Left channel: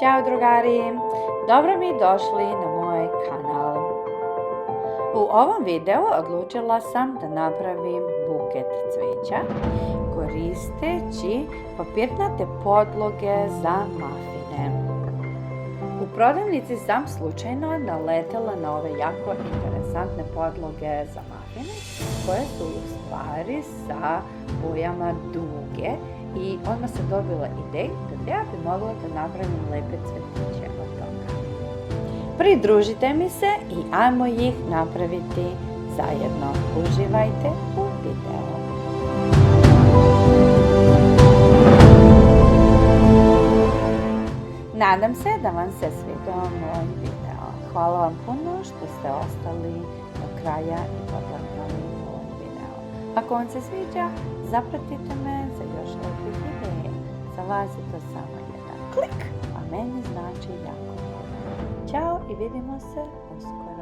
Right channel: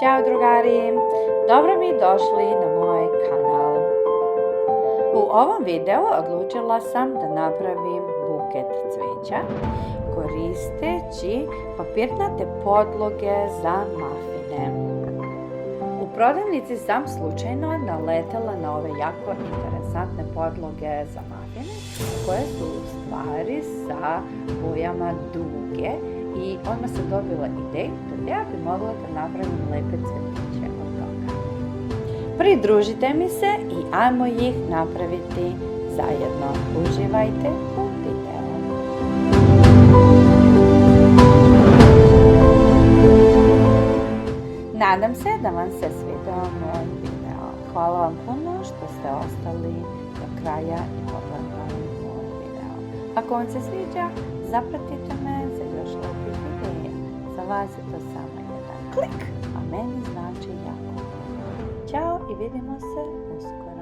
Ćao drugari, dobro mi došli na moj kanal. U ovom videu odlučila sam da napravim buket cvijeća koristeći papirnate podloge za mafine. U prodavnici sam slučajno naletela na ove jako interesantne podloge za mafine koje su u stvari sa bojama duge i odmah sam dobila ideju da ja bi mogla da napravim lepe cvjetiće od toga. Pridružite mi se i ajmo ih napraviti zajedno. Uživajte u videu. Nadam se da vam se svidio moj video. Hvala vam puno što ste ostali do kraja i pogledali moj video. Ako vam se sviđa, zapratite me za još lepih ideja. Za vas je to samo jedan klik, a meni znači jako puno. Ćao i vidimo se uskoro.